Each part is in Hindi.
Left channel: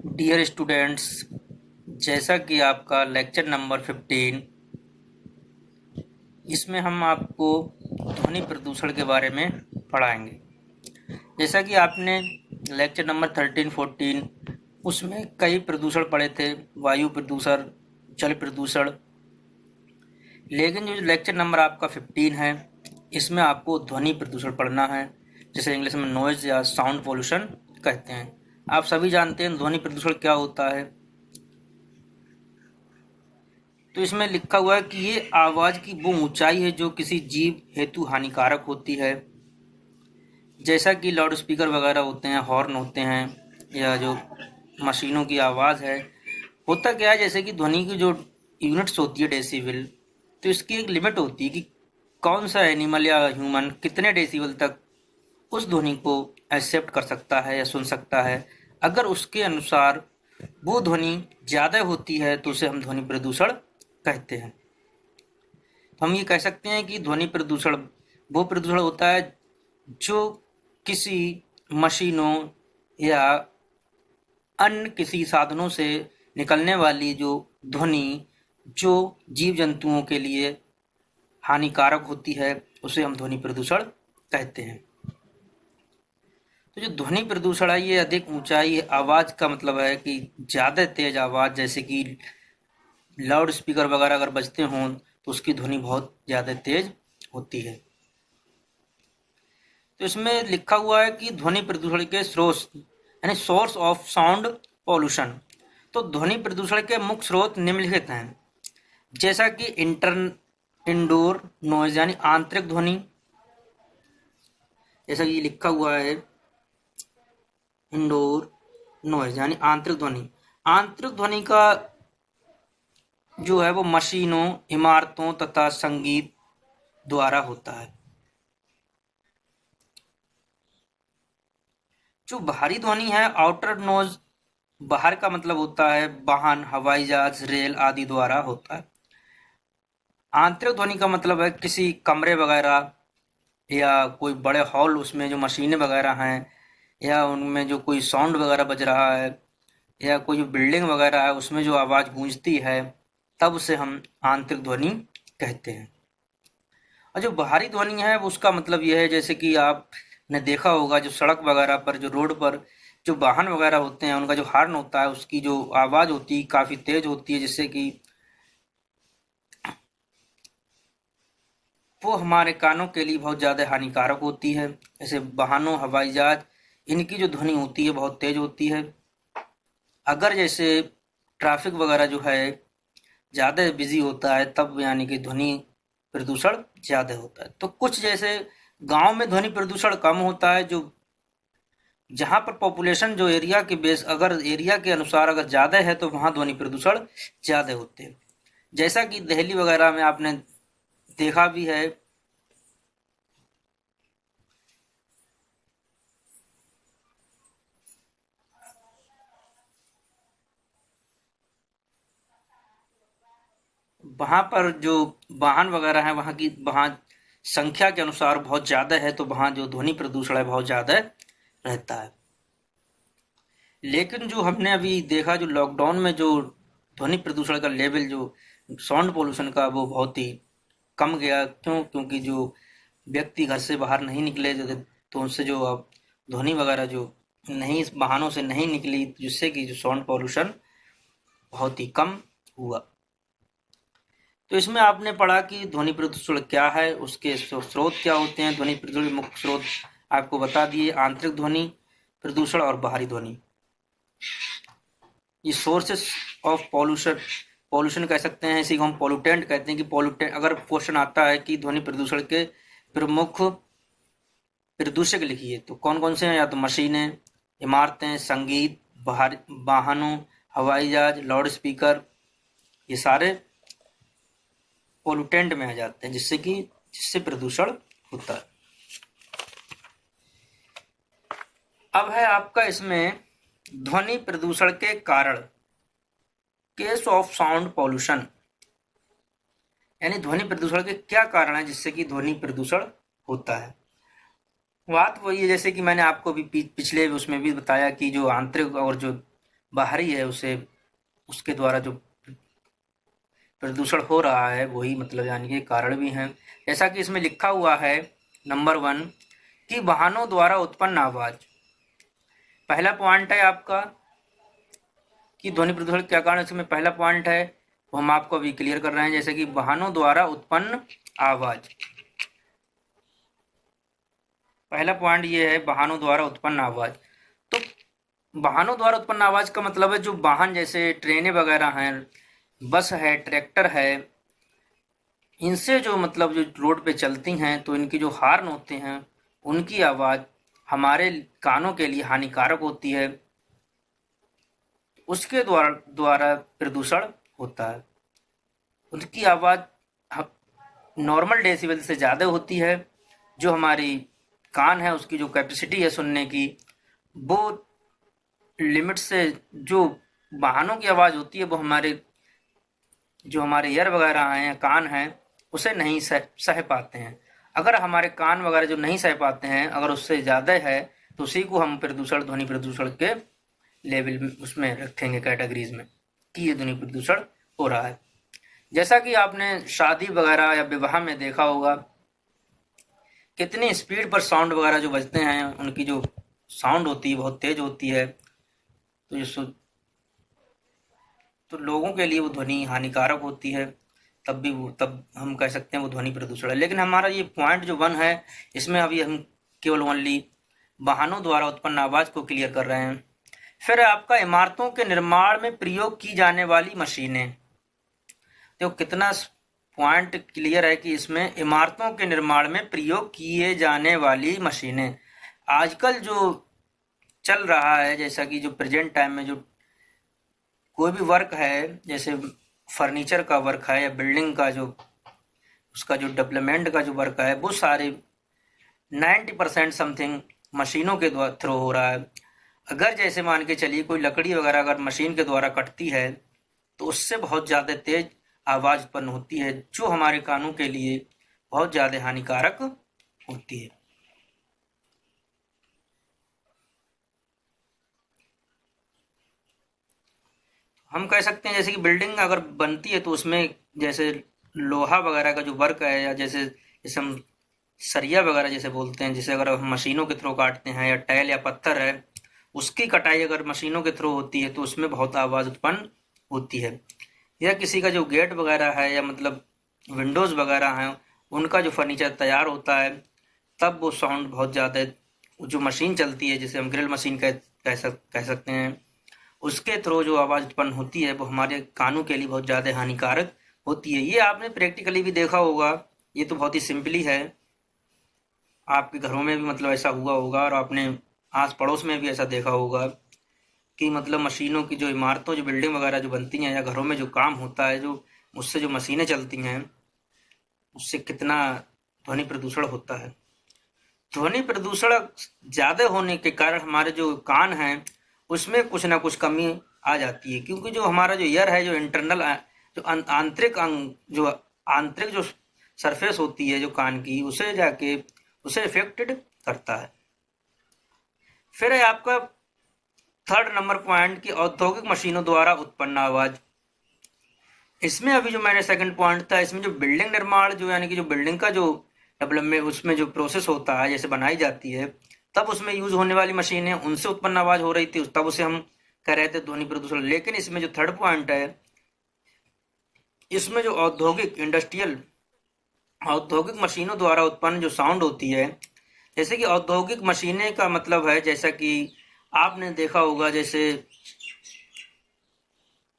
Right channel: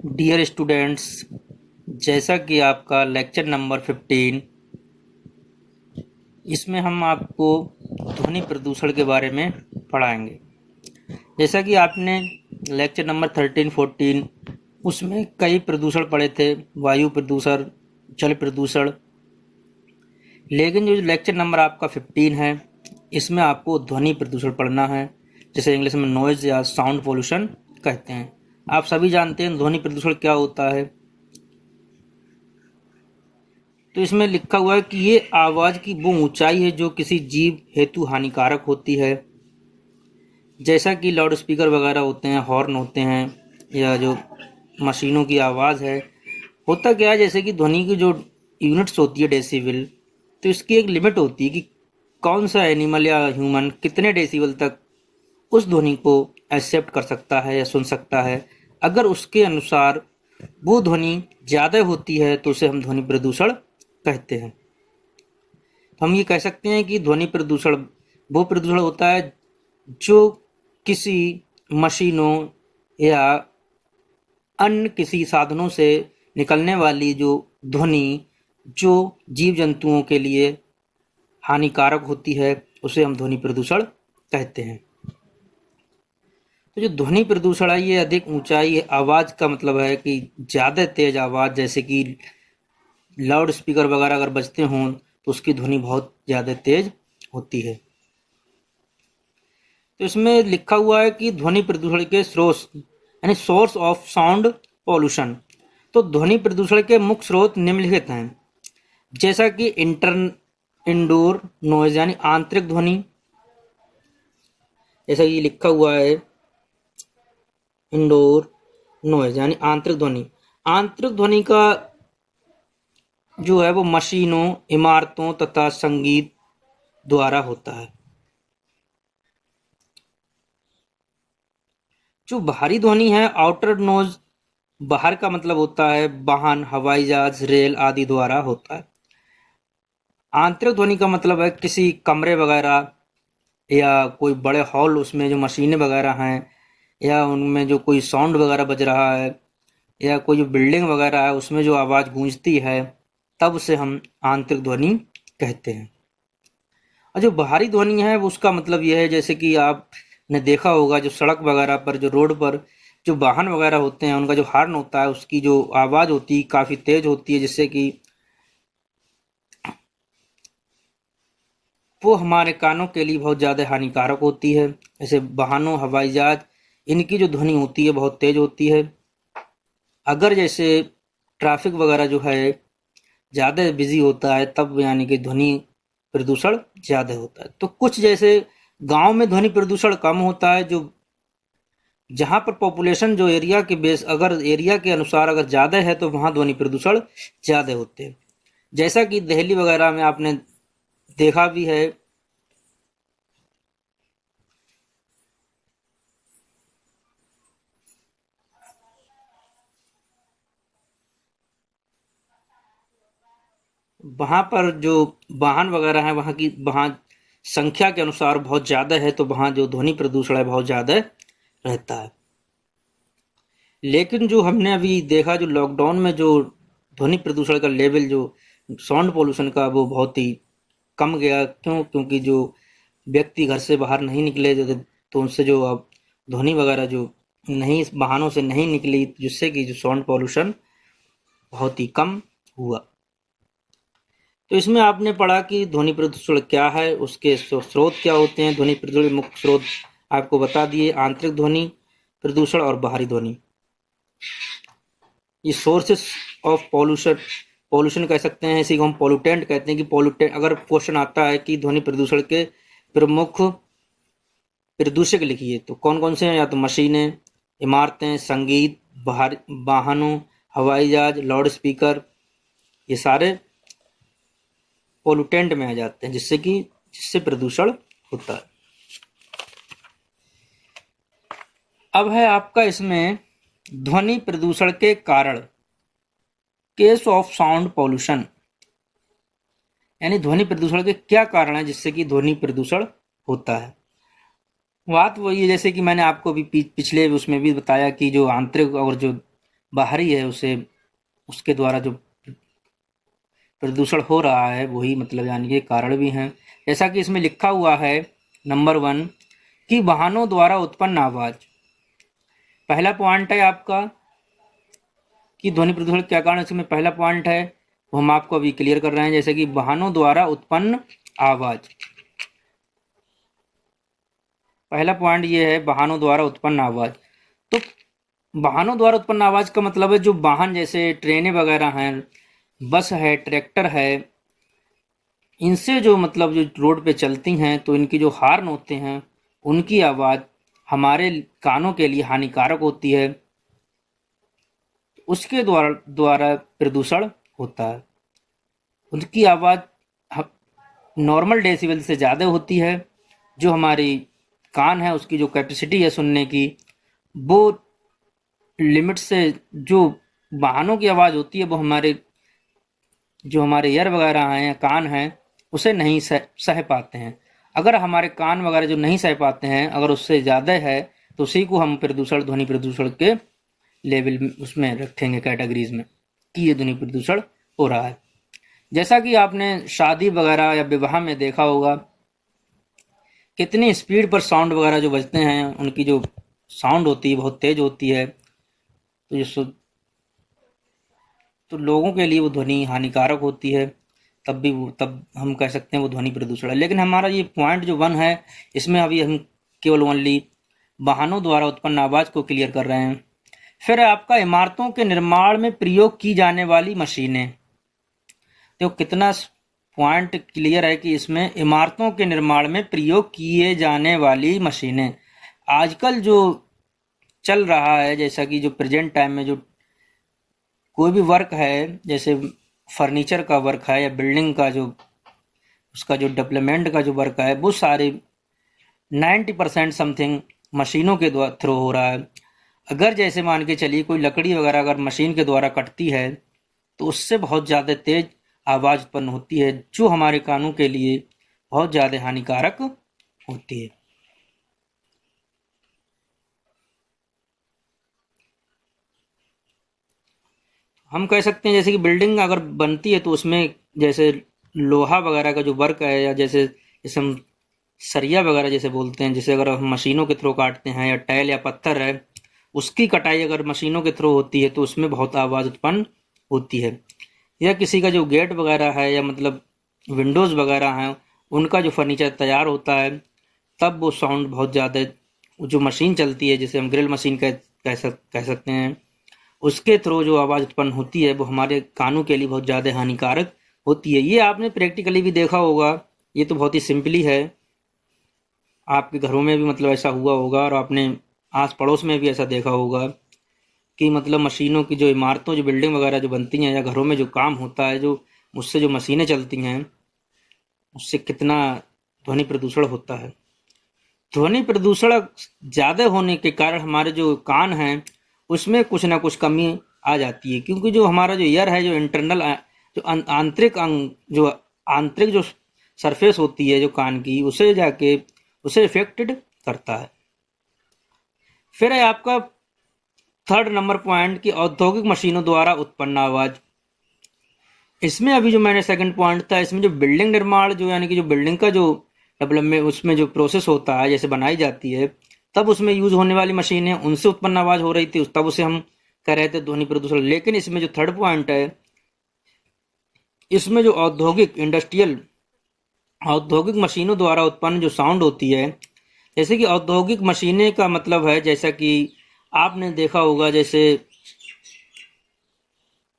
डियर स्टूडेंट्स, जैसा कि आपका लेक्चर नंबर 15, इसमें हम आपको ध्वनि प्रदूषण के बारे में पढ़ाएंगे। जैसा कि आपने लेक्चर नंबर 13, 14 उसमें कई प्रदूषण पढ़े थे, वायु प्रदूषण, जल प्रदूषण। लेकिन जो लेक्चर नंबर आपका 15 है, इसमें आपको ध्वनि प्रदूषण पढ़ना है, जिसे इंग्लिश में नॉइज या साउंड पोल्यूशन कहते हैं। आप सभी जानते हैं ध्वनि प्रदूषण क्या होता है। तो इसमें लिखा हुआ है कि ये आवाज की वो ऊंचाई है जो किसी जीव हेतु हानिकारक होती है, जैसा कि लाउड स्पीकर वगैरह होते हैं, हॉर्न होते हैं, या जो मशीनों की आवाज़ है। होता क्या है, जैसे कि ध्वनि की जो यूनिट्स होती है डेसिबल, तो इसकी एक लिमिट होती है कि कौन सा एनिमल या ह्यूमन कितने डेसिबल तक उस ध्वनि को एक्सेप्ट कर सकता है या सुन सकता है। अगर उसके अनुसार वो ध्वनि ज़्यादा होती है तो उसे हम ध्वनि प्रदूषण कहते हैं। हम ये कह सकते हैं कि ध्वनि प्रदूषण वो प्रदूषण होता है जो किसी मशीनों या अन्य किसी साधनों से निकलने वाली जो ध्वनि जो जीव जंतुओं के लिए हानिकारक होती है, उसे हम ध्वनि प्रदूषण कहते हैं। तो जो ध्वनि प्रदूषण है, ये अधिक ऊंचाई आवाज का मतलब है कि ज्यादा तेज आवाज, जैसे कि लाउड स्पीकर वगैरह अगर बजते हों तो उसकी ध्वनि बहुत ज्यादा तेज होती है। तो इसमें लिखा हुआ है कि ध्वनि प्रदूषण के स्रोत यानी सोर्स ऑफ साउंड पॉल्यूशन। तो ध्वनि प्रदूषण के मुख्य स्रोत निम्नलिखित हैं, जैसा कि इंडोर नॉइज यानी आंतरिक ध्वनि। जैसा ये लिखा हुआ है, इंडोर नॉइज यानी आंतरिक ध्वनि। आंतरिक ध्वनि का जो है वो मशीनों, इमारतों तथा संगीत द्वारा होता है। जो बाहरी ध्वनि है, आउटर नॉइज, बाहर का मतलब होता है वाहन, हवाई जहाज, रेल आदि द्वारा होता है। आंतरिक ध्वनि का मतलब है किसी कमरे वगैरह या कोई बड़े हॉल, उसमें जो मशीनें वगैरह हैं या उनमें जो कोई साउंड वगैरह बज रहा है, या कोई जो बिल्डिंग वगैरह है उसमें जो आवाज़ गूंजती है, तब उसे हम आंतरिक ध्वनि कहते हैं। और जो बाहरी ध्वनि है वो उसका मतलब यह है, जैसे कि आपने देखा होगा जो सड़क वगैरह पर, जो रोड पर जो वाहन वगैरह होते हैं, उनका जो हॉर्न होता है, उसकी जो आवाज़ होती है काफ़ी तेज होती है, जिससे कि वो हमारे कानों के लिए बहुत ज़्यादा हानिकारक होती है। जैसे वाहनों, हवाई जहाज, इनकी जो ध्वनि होती है बहुत तेज होती है। अगर जैसे ट्रैफिक वगैरह जो है ज़्यादा बिजी होता है, तब यानी कि ध्वनि प्रदूषण ज़्यादा होता है। तो कुछ जैसे गांव में ध्वनि प्रदूषण कम होता है, जो जहां पर पॉपुलेशन जो एरिया के बेस, अगर एरिया के अनुसार अगर ज़्यादा है तो वहां ध्वनि प्रदूषण ज़्यादा होते हैं। जैसा कि दिल्ली वगैरह में आपने देखा भी है। वहां पर जो वाहन वगैरह है, वहां संख्या के अनुसार बहुत ज्यादा है, तो वहां जो ध्वनि प्रदूषण है बहुत ज्यादा रहता है। लेकिन जो हमने अभी देखा, जो लॉकडाउन में जो ध्वनि प्रदूषण का लेवल, जो साउंड पोल्यूशन का, वो बहुत ही कम गया। क्योंकि जो व्यक्ति घर से बाहर नहीं निकले, तो उनसे जो अब ध्वनि वगैरह जो नहीं, वाहनों से नहीं निकली, जिससे कि जो साउंड पोल्यूशन बहुत ही कम हुआ। तो इसमें आपने पढ़ा कि ध्वनि प्रदूषण क्या है, उसके स्रोत क्या होते हैं। ध्वनि प्रदूषण के मुख्य स्रोत आपको बता दिए, आंतरिक ध्वनि प्रदूषण और बाहरी ध्वनि। ये सोर्सेस ऑफ पॉल्यूशन, पॉल्यूशन कह सकते हैं, इसी को हम पॉल्यूटेंट कहते हैं। कि पॉल्यूटेंट, अगर क्वेश्चन आता है कि ध्वनि प्रदूषण के प्रमुख प्रदूषक लिखिए, तो कौन कौन से हैं? या तो मशीनें, इमारतें, संगीत, बाहर वाहनों, हवाई जहाज, लाउड स्पीकर, ये सारे पोल्यूटेंट में आ जाते हैं, जिससे प्रदूषण होता है। अब है आपका इसमें ध्वनि प्रदूषण के कारण, केस ऑफ साउंड पॉल्यूशन, यानी ध्वनि प्रदूषण के क्या कारण है जिससे कि ध्वनि प्रदूषण होता है। बात वही है, जैसे कि मैंने आपको भी पिछले उसमें भी बताया कि जो आंतरिक और जो बाहरी है उसे उसके द्वारा जो प्रदूषण हो रहा है वही मतलब यानी कि कारण भी हैं। जैसा कि इसमें लिखा हुआ है नंबर 1 कि वाहनों द्वारा उत्पन्न आवाज। पहला पॉइंट है आपका कि ध्वनि प्रदूषण क्या कारण, इसमें पहला पॉइंट है वो हम आपको अभी क्लियर कर रहे हैं। जैसे कि वाहनों द्वारा उत्पन्न आवाज, पहला पॉइंट ये है वाहनों द्वारा उत्पन्न आवाज। तो वाहनों द्वारा उत्पन्न आवाज का मतलब है जो वाहन जैसे ट्रेनें वगैरह हैं, बस है, ट्रैक्टर है, इनसे जो मतलब जो रोड पे चलती हैं तो इनकी जो हॉर्न होते हैं उनकी आवाज हमारे कानों के लिए हानिकारक होती है, उसके द्वारा द्वारा प्रदूषण होता है। उनकी आवाज नॉर्मल डेसिबल से ज़्यादा होती है। जो हमारी कान है उसकी जो कैपेसिटी है सुनने की वो लिमिट से, जो वाहनों की आवाज़ होती है वो जो हमारे ईयर वगैरह हैं या कान हैं उसे नहीं सह पाते हैं। अगर हमारे कान वगैरह जो नहीं सह पाते हैं अगर उससे ज़्यादा है तो उसी को हम प्रदूषण, ध्वनि प्रदूषण के लेवल में उसमें रखेंगे, कैटेगरीज में, कि ये ध्वनि प्रदूषण हो रहा है। जैसा कि आपने शादी वगैरह या विवाह में देखा होगा कितनी स्पीड पर साउंड वगैरह जो बजते हैं, उनकी जो साउंड होती है बहुत तेज होती है, तो तो लोगों के लिए वो ध्वनि हानिकारक होती है। तब हम कह सकते हैं वो ध्वनि प्रदूषण है। लेकिन हमारा ये पॉइंट जो 1 है इसमें अभी हम केवल ओनली वाहनों द्वारा उत्पन्न आवाज को क्लियर कर रहे हैं। फिर आपका इमारतों के निर्माण में प्रयोग की जाने वाली मशीनें। तो कितना पॉइंट क्लियर है कि इसमें इमारतों के निर्माण में प्रयोग किए जाने वाली मशीनें। आजकल जो चल रहा है, जैसा कि जो प्रेजेंट टाइम में जो कोई भी वर्क है, जैसे फर्नीचर का वर्क है या बिल्डिंग का जो उसका जो डेवलपमेंट का जो वर्क है, वो सारे 90% समथिंग मशीनों के थ्रू हो रहा है। अगर जैसे मान के चलिए कोई लकड़ी वगैरह अगर मशीन के द्वारा कटती है तो उससे बहुत ज़्यादा तेज आवाज़ उत्पन्न होती है जो हमारे कानों के लिए बहुत ज़्यादा हानिकारक होती है। हम कह सकते हैं जैसे कि बिल्डिंग अगर बनती है तो उसमें जैसे लोहा वगैरह का जो वर्क है, या जैसे हम सरिया वगैरह जैसे बोलते हैं, जैसे अगर हम मशीनों के थ्रू काटते हैं, या टाइल या पत्थर है उसकी कटाई अगर मशीनों के थ्रू होती है तो उसमें बहुत आवाज़ उत्पन्न होती है। या किसी का जो गेट वगैरह है या मतलब विंडोज़ वगैरह हैं उनका जो फर्नीचर तैयार होता है तब वो साउंड बहुत ज़्यादा, जो मशीन चलती है जिसे हम ग्रिल मशीन कह सकते हैं, उसके थ्रू जो आवाज़ उत्पन्न होती है वो हमारे कानों के लिए बहुत ज़्यादा हानिकारक होती है। ये आपने प्रैक्टिकली भी देखा होगा। ये तो बहुत ही सिंपली है, आपके घरों में भी मतलब ऐसा हुआ होगा और आपने आस पड़ोस में भी ऐसा देखा होगा कि मतलब मशीनों की जो इमारतों, जो बिल्डिंग वगैरह जो बनती हैं या घरों में जो काम होता है, जो उससे जो मशीनें चलती हैं उससे कितना ध्वनि प्रदूषण होता है। ध्वनि प्रदूषण ज़्यादा होने के कारण हमारे जो कान हैं उसमें कुछ ना कुछ कमी आ जाती है, क्योंकि जो हमारा जो ईयर है, जो इंटरनल जो आंतरिक अंग, जो आंतरिक जो सरफेस होती है जो कान की, उसे जाके उसे इफेक्टेड करता है। फिर है आपका 3rd नंबर पॉइंट की औद्योगिक मशीनों द्वारा उत्पन्न आवाज। इसमें अभी जो मैंने 2nd पॉइंट था, इसमें जो बिल्डिंग निर्माण जो यानी कि जो बिल्डिंग का जो डेवलपमेंट उसमें जो प्रोसेस होता है जैसे बनाई जाती है तब उसमें यूज होने वाली मशीनें, उनसे उत्पन्न आवाज हो रही थी, तब उसे हम कह रहे थे ध्वनि प्रदूषण। लेकिन इसमें जो 3rd पॉइंट है इसमें जो औद्योगिक मशीनों द्वारा उत्पन्न जो साउंड होती है, जैसे कि औद्योगिक मशीनें का मतलब है जैसा कि आपने देखा होगा जैसे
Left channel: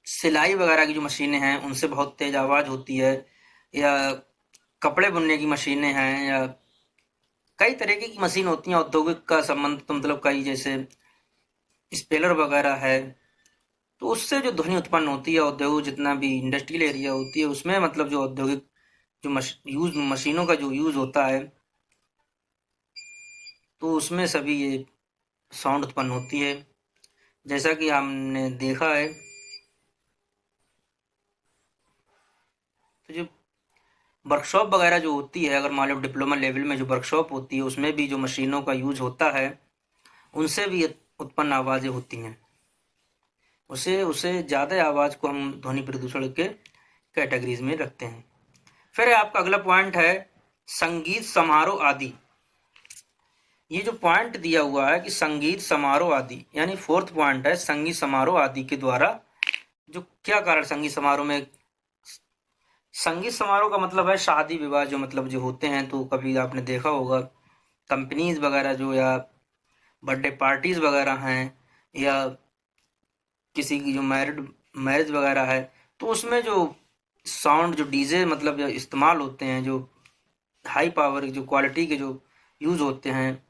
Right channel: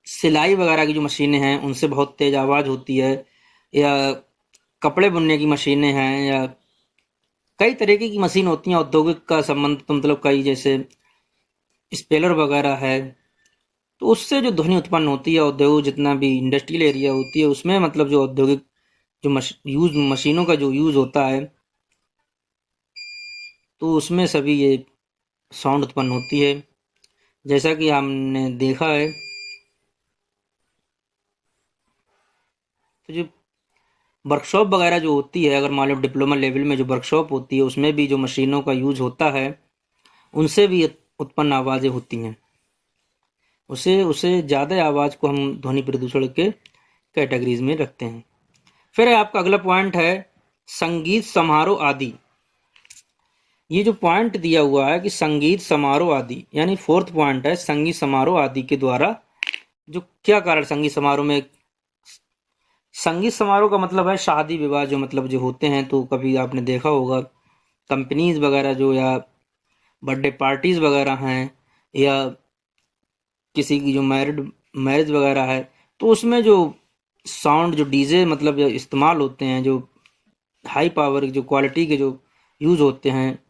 सिलाई वगैरह की जो मशीनें हैं उनसे बहुत तेज आवाज़ होती है, या कपड़े बुनने की मशीनें हैं, या कई तरीके की मशीन होती हैं औद्योगिक का संबंध, तो मतलब कई जैसे स्पेलर वगैरह है, तो उससे जो ध्वनि उत्पन्न होती है औद्योगिक जितना भी इंडस्ट्रियल एरिया होती है उसमें मतलब जो औद्योगिक जो मशीनों का जो यूज़ होता है तो उसमें सभी ये साउंड उत्पन्न होती है। जैसा कि हमने देखा है तो जो वर्कशॉप वगैरह जो होती है, अगर मान लो डिप्लोमा लेवल में जो वर्कशॉप होती है उसमें भी जो मशीनों का यूज होता है उनसे भी उत्पन्न आवाज़ें होती हैं। उसे उसे ज़्यादा आवाज़ को हम ध्वनि प्रदूषण के कैटेगरीज में रखते हैं। फिर आपका अगला पॉइंट है संगीत समारोह आदि। ये जो पॉइंट दिया हुआ है कि संगीत समारोह आदि, यानी फोर्थ पॉइंट है संगीत समारोह आदि के द्वारा जो क्या कारण संगीत समारोह में, संगीत समारोह का मतलब है शादी विवाह जो मतलब जो होते हैं, तो कभी आपने देखा होगा कंपनीज वगैरह जो, या बर्थडे पार्टीज वगैरह हैं, या किसी की जो मैरिज वगैरह है, तो उसमें जो साउंड जो डीजे मतलब जो इस्तेमाल होते हैं, जो हाई पावर जो क्वालिटी के जो यूज होते हैं,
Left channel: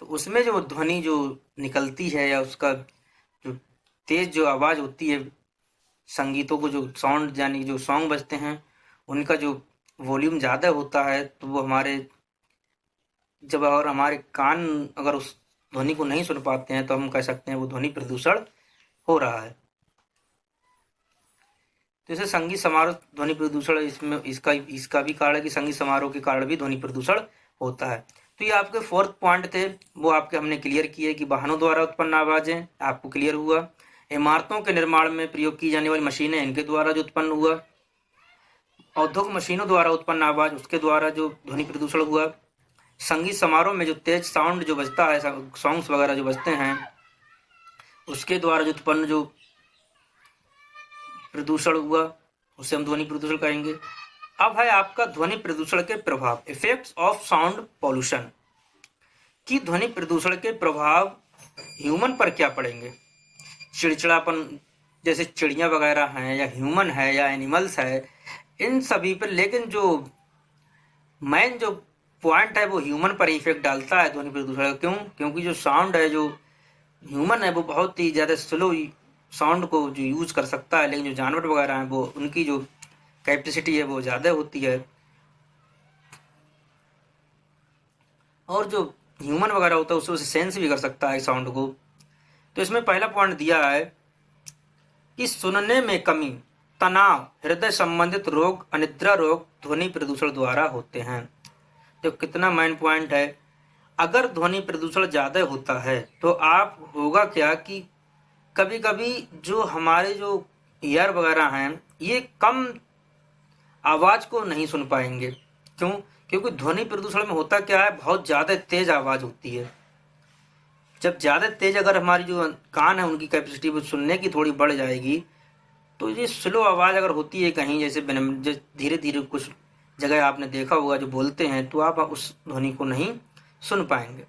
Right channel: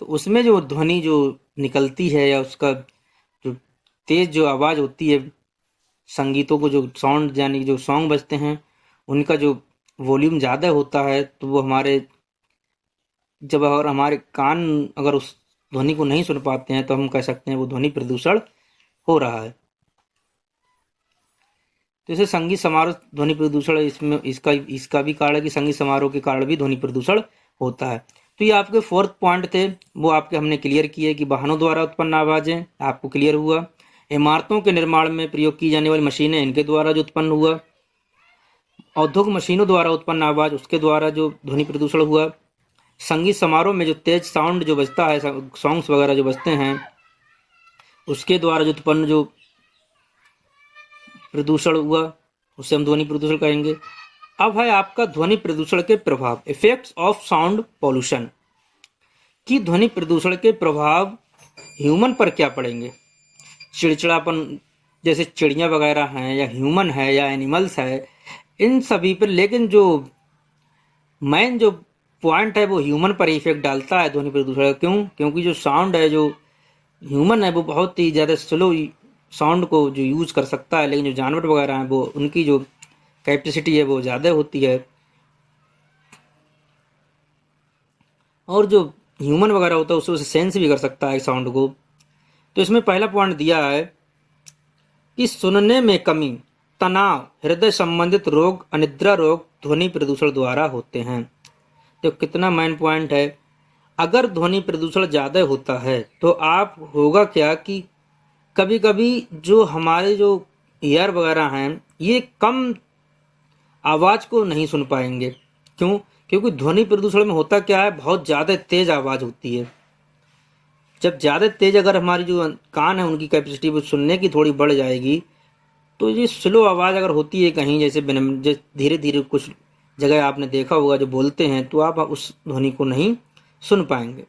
तो उसमें जो ध्वनि जो निकलती है या उसका जो तेज जो आवाज़ होती है, संगीतों को जो साउंड यानी जो सॉन्ग बजते हैं उनका जो वॉल्यूम ज़्यादा होता है, तो वो हमारे जब अगर हमारे कान अगर उस ध्वनि को नहीं सुन पाते हैं तो हम कह सकते हैं वो ध्वनि प्रदूषण हो रहा है। तो इसे संगीत समारोह ध्वनि प्रदूषण, इसमें इसका भी कारण है कि संगीत समारोह के कारण भी ध्वनि प्रदूषण होता है। तो ये आपके फोर्थ पॉइंट थे, वो आपके हमने क्लियर किए कि वाहनों द्वारा उत्पन्न आवाजें, आपको क्लियर हुआ। इमारतों के निर्माण में प्रयोग की जाने वाली मशीनें, इनके द्वारा जो उत्पन्न हुआ। औद्योगिक मशीनों द्वारा उत्पन्न आवाज, उसके द्वारा जो ध्वनि प्रदूषण हुआ। संगीत समारोह में जो तेज साउंड जो बजता है, सॉन्ग्स वगैरह जो बजते हैं, उसके द्वारा जो उत्पन्न जो प्रदूषण हुआ, उसे हम ध्वनि प्रदूषण कहेंगे। अब है आपका ध्वनि प्रदूषण के प्रभाव, इफेक्ट्स ऑफ साउंड पॉल्यूशन, कि ध्वनि प्रदूषण के प्रभाव ह्यूमन पर क्या पड़ेंगे। चिड़चिड़ापन, जैसे चिड़िया वगैरह हैं या ह्यूमन है या एनिमल्स है, इन सभी पर, लेकिन जो मेन जो पॉइंट है वो ह्यूमन पर इफेक्ट डालता है ध्वनि प्रदूषण। क्यों? क्योंकि जो साउंड है, जो ह्यूमन है वो बहुत ही ज़्यादा स्लो साउंड को जो यूज कर सकता है, लेकिन जो जानवर वगैरह हैं वो उनकी जो कैपेसिटी है वो ज़्यादा होती है, और जो ह्यूमन वगैरह होता है उसे सेंस भी कर सकता है साउंड को। तो इसमें पहला पॉइंट दिया है कि सुनने में कमी, तनाव, हृदय संबंधित रोग, अनिद्रा रोग ध्वनि प्रदूषण द्वारा होते हैं। तो कितना मेन पॉइंट है, अगर ध्वनि प्रदूषण ज़्यादा होता है तो आप होगा क्या कि कभी कभी जो हमारे जो ईयर वगैरह हैं ये कम आवाज़ को नहीं सुन पाएंगे। क्यों? क्योंकि ध्वनि प्रदूषण में होता क्या है, बहुत ज़्यादा तेज आवाज़ होती है। जब ज़्यादा तेज अगर हमारी जो कान है उनकी कैपेसिटी वो सुनने की थोड़ी बढ़ जाएगी, तो ये स्लो आवाज़ अगर होती है कहीं, जैसे धीरे धीरे कुछ जगह आपने देखा होगा जो बोलते हैं, तो आप उस ध्वनि को नहीं सुन पाएंगे।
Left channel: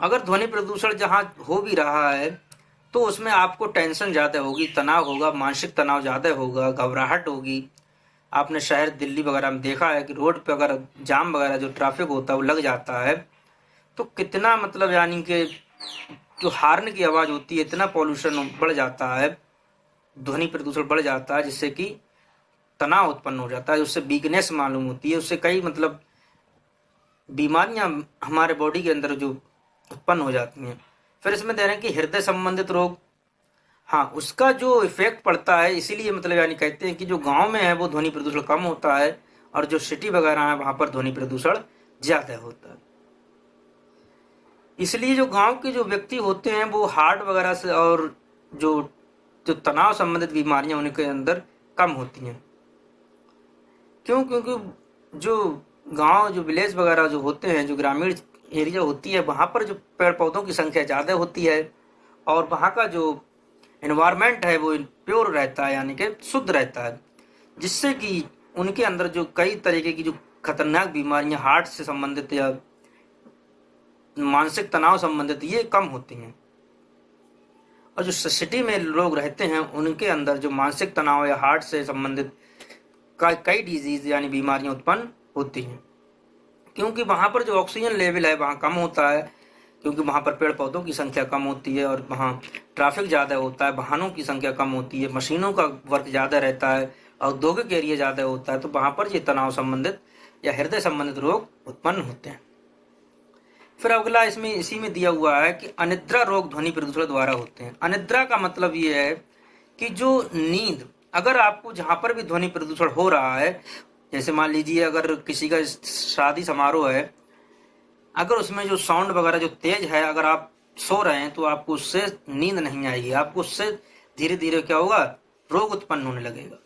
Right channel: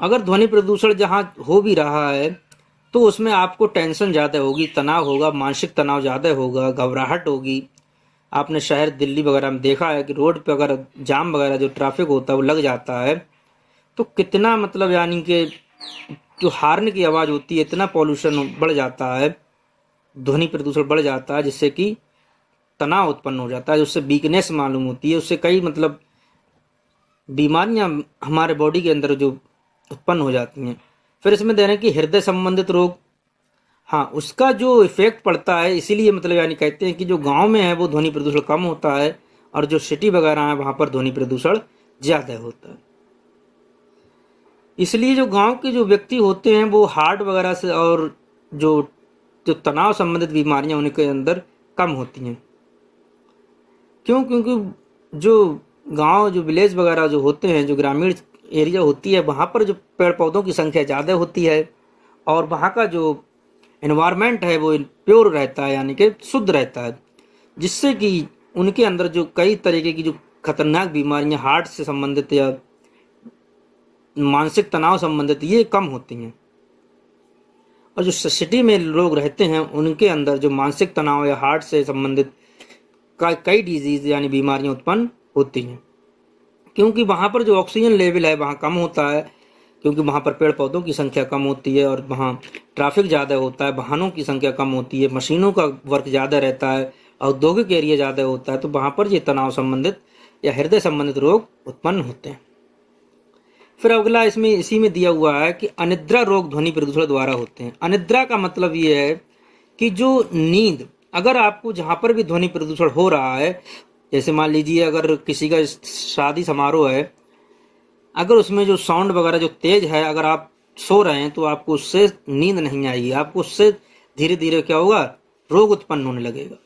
अगर ध्वनि प्रदूषण जहाँ हो भी रहा है तो उसमें आपको टेंशन ज़्यादा होगी, तनाव होगा, मानसिक तनाव ज़्यादा होगा, घबराहट होगी। आपने शहर दिल्ली वगैरह में देखा है कि रोड पे अगर जाम वगैरह जो ट्रैफिक होता है वो लग जाता है, तो कितना मतलब यानी कि जो हार्न की आवाज़ होती है, इतना पॉल्यूशन बढ़ जाता है, ध्वनि प्रदूषण बढ़ जाता है, जिससे कि तनाव उत्पन्न हो जाता है, उससे वीकनेस मालूम होती है, उससे कई मतलब बीमारियां हमारे बॉडी के अंदर जो उत्पन्न हो जाती हैं। फिर इसमें दे रहे हैं कि हृदय संबंधित रोग, हाँ उसका जो इफेक्ट पड़ता है, इसीलिए मतलब यानी कहते हैं कि जो गांव में है वो ध्वनि प्रदूषण कम होता है, और जो सिटी वगैरह है वहां पर ध्वनि प्रदूषण ज़्यादा होता है। इसलिए जो गांव के जो व्यक्ति होते हैं वो हार्ट वगैरह से और जो तनाव संबंधित बीमारियां उनके अंदर कम होती हैं। क्यों? क्योंकि जो गांव जो विलेज वगैरह जो होते हैं, जो ग्रामीण एरिया होती है, वहाँ पर जो पेड़ पौधों की संख्या ज़्यादा होती है, और वहाँ का जो एनवायरनमेंट है वो प्योर रहता है, यानी कि शुद्ध रहता है, जिससे कि उनके अंदर जो कई तरीके की जो खतरनाक बीमारियां हार्ट से संबंधित या मानसिक तनाव संबंधित ये कम होती हैं। और जो सिटी में लोग रहते हैं उनके अंदर जो मानसिक तनाव या हार्ट से संबंधित कई डिजीज यानी बीमारियां उत्पन्न होती हैं, क्योंकि वहाँ पर जो ऑक्सीजन लेवल है वहाँ कम होता है, क्योंकि वहाँ पर पेड़ पौधों की संख्या कम होती है, और वहाँ ट्रैफिक ज़्यादा होता है, वाहनों की संख्या कम होती है, मशीनों का वर्क ज़्यादा रहता है, औद्योगिक एरिया ज़्यादा होता है, तो वहाँ पर ये तनाव संबंधित या हृदय संबंधित रोग उत्पन्न होते हैं। फिर अगला इसमें इसी में दिया हुआ है कि अनिद्रा रोग ध्वनि प्रदूषण द्वारा होते हैं। अनिद्रा का मतलब ये है कि जो नींद, अगर आपको जहाँ पर भी ध्वनि प्रदूषण हो रहा है, जैसे मान लीजिए अगर किसी का शादी समारोह है, अगर उसमें जो साउंड वगैरह जो तेज है, अगर आप सो रहे हैं तो आपको उससे नींद नहीं आएगी, आपको उससे धीरे धीरे क्या होगा, रोग उत्पन्न होने लगेगा।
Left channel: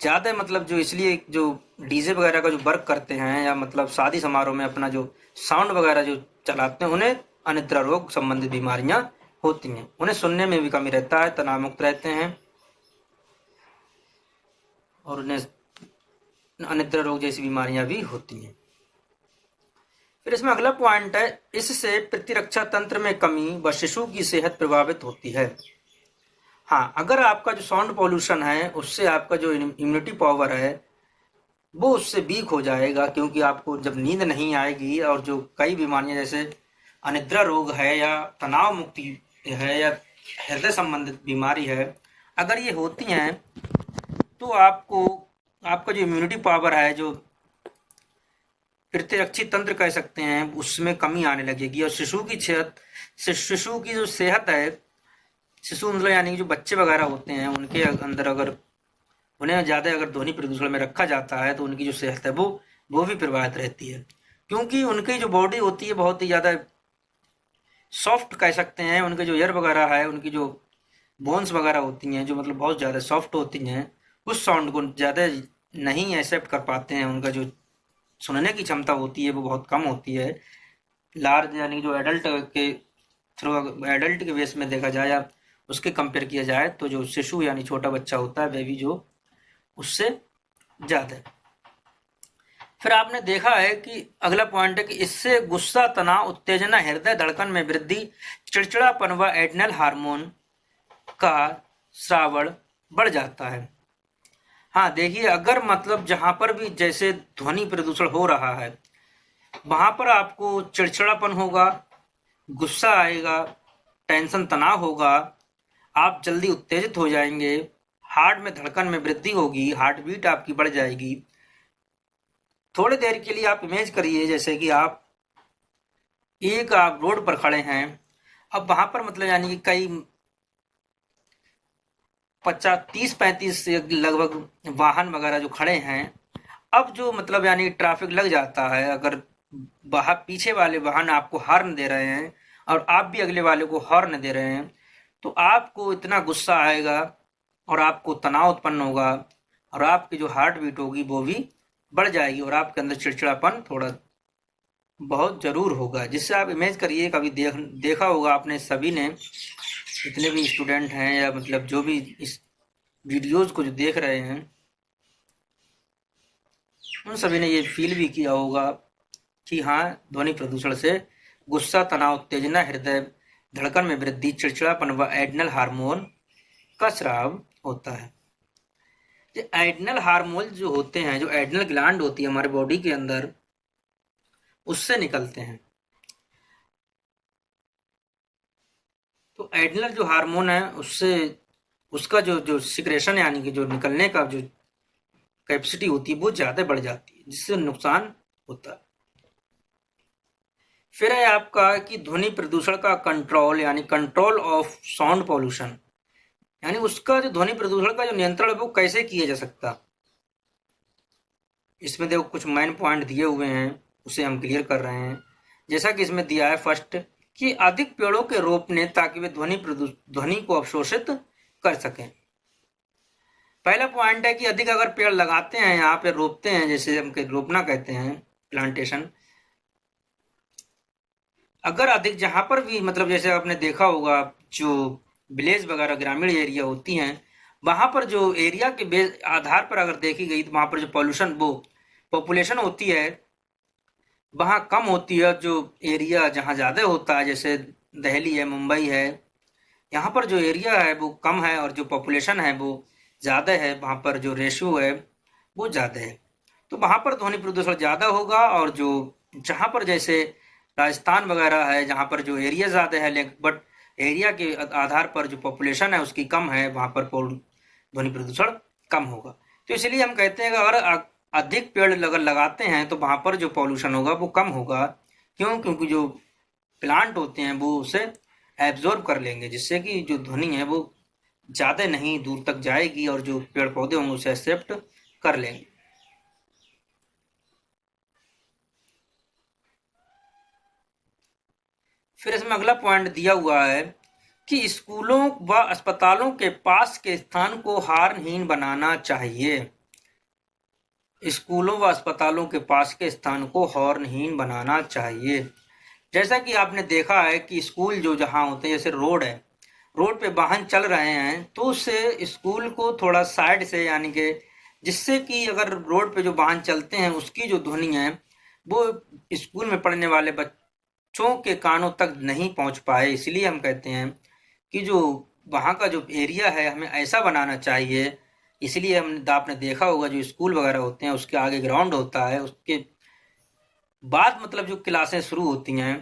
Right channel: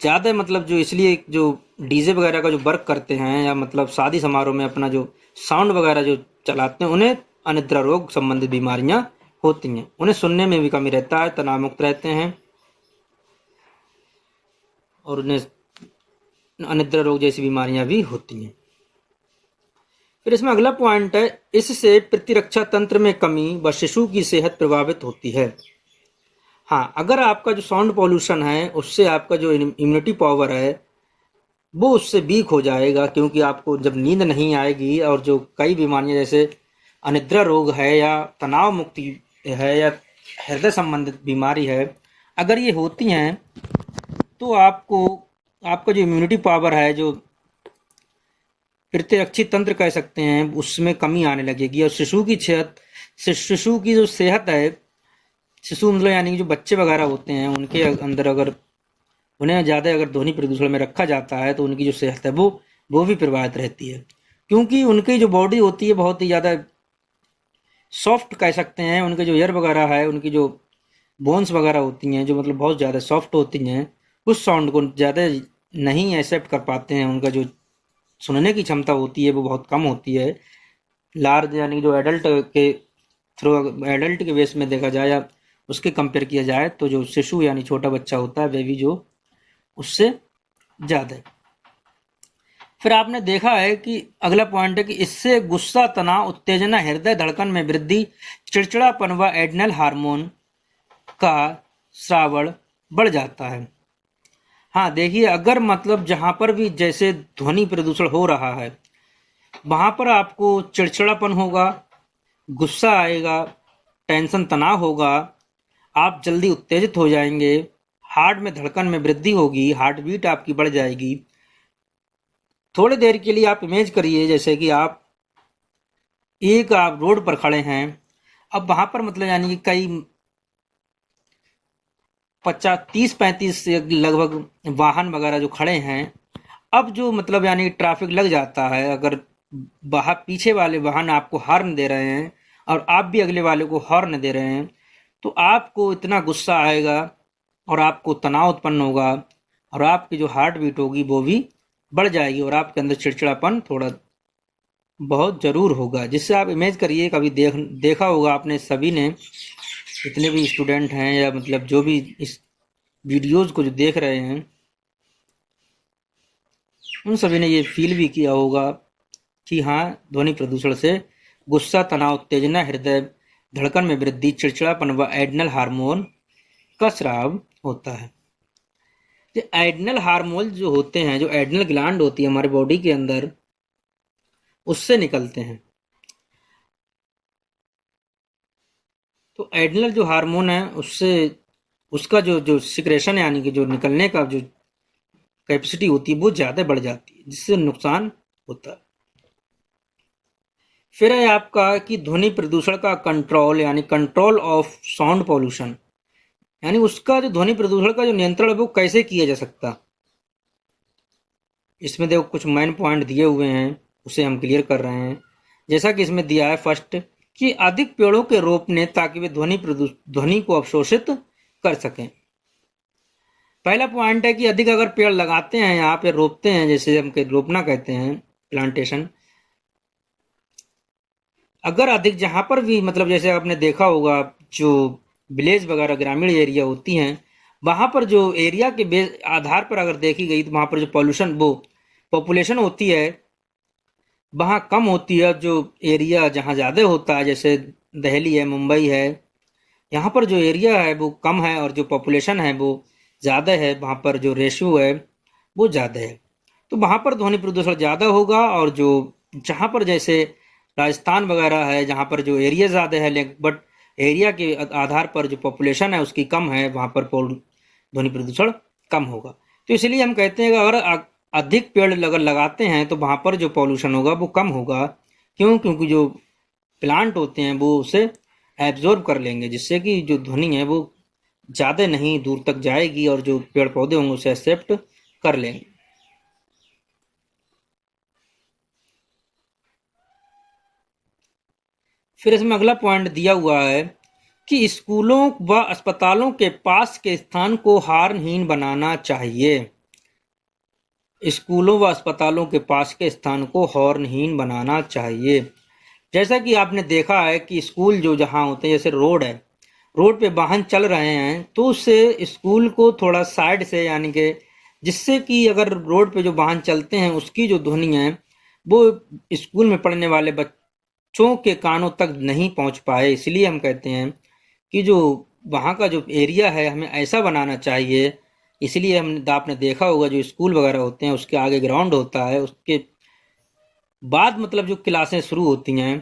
ज़्यादा मतलब जो इसलिए जो डीजे वगैरह का जो वर्क करते हैं या मतलब शादी समारोह में अपना जो साउंड वगैरह जो चलाते हैं, उन्हें अनिद्रा रोग संबंधित बीमारियां होती हैं, उन्हें सुनने में भी कमी रहता है, तनाव मुक्त रहते हैं और उन्हें अनिद्रा रोग जैसी बीमारियां भी होती हैं। फिर इसमें अगला पॉइंट है, इससे प्रतिरक्षा तंत्र में कमी व शिशु की सेहत प्रभावित होती है। हाँ, अगर आपका जो साउंड पॉल्यूशन है उससे आपका जो इम्यूनिटी पावर है वो उससे वीक हो जाएगा, क्योंकि आपको जब नींद नहीं आएगी और जो कई बीमारियां जैसे अनिद्रा रोग है या तनाव मुक्ति है या हृदय संबंधित बीमारी है, अगर ये होती हैं तो आपको आपका जो इम्यूनिटी पावर है, जो प्रतिरक्षी तंत्र कह सकते हैं, उसमें कमी आने लगेगी और शिशु की जो सेहत है, शिशु मतलब यानी कि जो बच्चे वगैरह होते हैं उनके अंदर अगर उन्हें ज़्यादा अगर ध्वनि प्रदूषण में रखा जाता है तो उनकी जो सेहत है वो भी प्रभावित रहती है, क्योंकि उनकी जो बॉडी होती है बहुत ही ज़्यादा सॉफ्ट कह सकते हैं, उनके जो ईयर वगैरह है, उनकी जो बोन्स वगैरह होती हैं जो मतलब बहुत ज़्यादा सॉफ्ट होती हैं, उस साउंड को ज़्यादा नहीं एक्सेप्ट कर पाते हैं, उनका जो सुनने की क्षमता होती है वो बहुत कम होती है। लार्ज यानी जो एडल्ट के एडल्ट के बेस में देखा जाए या उसके कंपेयर किया जाए तो जो शिशु यानी छोटा बच्चा होता है बेबी जो, उससे ज़्यादा। फिर आपने देखा है कि अगला पॉइंट है कि इससे गुस्सा, तनाव, उत्तेजना, हृदय धड़कन में वृद्धि, चिड़चिड़ापन व एड्रेनल हार्मोन का श्रावण बढ़ जाता है। हाँ देखिए, अगर मतलब जहां पर भी जैसे ध्वनि प्रदूषण हो रहा है वहां पर आपको चिड़चिड़ापन होगा, गुस्सा आएगा, टेंशन तनाव होगा, आप जल्दी उत्तेजित हो जाएंगे, हार्ट में धड़कन में वृद्धि होगी, हार्ट बीट आपकी बढ़ जाएगी। थोड़ी देर के लिए आप इमेज करिए जैसे कि आप रोड पर खड़े हैं, अब वहां पर मतलब यानी कि कई 30-35 लगभग वाहन वगैरह जो खड़े हैं, अब जो मतलब यानी ट्रैफिक लग जाता है, अगर बाहर पीछे वाले वाहन आपको हॉर्न दे रहे हैं और आप भी अगले वाले को हॉर्न दे रहे हैं, तो आपको इतना गुस्सा आएगा और आपको तनाव उत्पन्न होगा और आपकी जो हार्ट बीट होगी वो भी बढ़ जाएगी और आपके अंदर चिड़चिड़ापन थोड़ा बहुत जरूर होगा। जिससे आप इमेज करिए, कभी देखा होगा आपने सभी ने, जितने भी स्टूडेंट हैं या मतलब जो भी इस वीडियोज को जो देख रहे हैं उन सभी ने ये फील भी किया होगा कि हाँ, ध्वनि प्रदूषण से गुस्सा, तनाव, उत्तेजना, हृदय धड़कन में वृद्धि, चिड़चिड़ापन व एड्रेनल हार्मोन का स्राव होता है। ये एड्रेनल हार्मोन जो होते हैं, जो एड्रेनल ग्लैंड होती है हमारे बॉडी के अंदर, उससे निकलते हैं। तो एड्रेनल जो हार्मोन है उससे उसका जो सिक्रेशन यानी कि जो निकलने का जो कैपेसिटी होती है वो ज़्यादा बढ़ जाती है, जिससे नुकसान होता है। फिर है आपका कि ध्वनि प्रदूषण का कंट्रोल यानी कंट्रोल ऑफ साउंड पॉल्यूशन, यानी उसका जो ध्वनि प्रदूषण का जो नियंत्रण है वो कैसे किया जा सकता। इसमें देखो कुछ मेन पॉइंट दिए हुए हैं, उसे हम क्लियर कर रहे हैं। जैसा कि इसमें दिया है फर्स्ट कि अधिक पेड़ों के रोपने ताकि वे ध्वनि को अवशोषित कर सकें। पहला पॉइंट है कि अधिक अगर पेड़ लगाते हैं, यहाँ पे रोपते हैं, जैसे हम रोपना कहते हैं, प्लांटेशन, अगर अधिक जहां पर भी मतलब जैसे आपने देखा होगा जो विलेज वगैरह ग्रामीण एरिया होती हैं, वहां पर जो एरिया के आधार पर अगर देखी गई तो वहां पर जो पॉल्यूशन वो पॉपुलेशन होती है वहां कम होती है। जो एरिया जहां ज्यादा होता है जैसे दिल्ली है, मुंबई है, यहाँ पर जो एरिया है वो कम है और जो पॉपुलेशन है वो ज़्यादा है, वहाँ पर जो रेशियो है वो ज़्यादा है, तो वहाँ पर ध्वनि प्रदूषण ज़्यादा होगा। और जो जहाँ पर जैसे राजस्थान वगैरह है जहाँ पर जो एरिया ज़्यादा है बट एरिया के आधार पर जो पॉपुलेशन है उसकी कम है, वहाँ पर ध्वनि प्रदूषण कम होगा। तो इसलिए हम कहते हैं कि अगर अधिक पेड़ अगर लगाते हैं तो वहाँ पर जो पॉल्यूशन होगा वो कम होगा। क्योंकि जो प्लांट होते हैं वो उसे एब्जॉर्ब कर लेंगे, जिससे कि जो ध्वनि है वो ज़्यादा नहीं दूर तक जाएगी और जो पेड़ पौधे होंगे उसे एक्सेप्ट कर लेंगे। फिर इसमें अगला पॉइंट दिया हुआ है कि स्कूलों व अस्पतालों के पास के स्थान को हॉर्नहीन बनाना चाहिए। स्कूलों व अस्पतालों के पास के स्थान को हॉर्नहीन बनाना चाहिए। जैसा कि आपने देखा है कि स्कूल जो जहाँ होते हैं, जैसे रोड है, रोड पे वाहन चल रहे हैं तो उससे स्कूल को थोड़ा साइड से, यानी कि जिससे कि अगर रोड पे जो वाहन चलते हैं उसकी जो ध्वनि है वो स्कूल में पढ़ने वाले बच्चों के कानों तक नहीं पहुंच पाए। इसलिए हम कहते हैं कि जो वहाँ का जो एरिया है हमें ऐसा बनाना चाहिए। इसलिए आपने देखा होगा जो स्कूल वगैरह होते हैं उसके आगे ग्राउंड होता है, उसके बाद मतलब जो क्लासें शुरू होती हैं,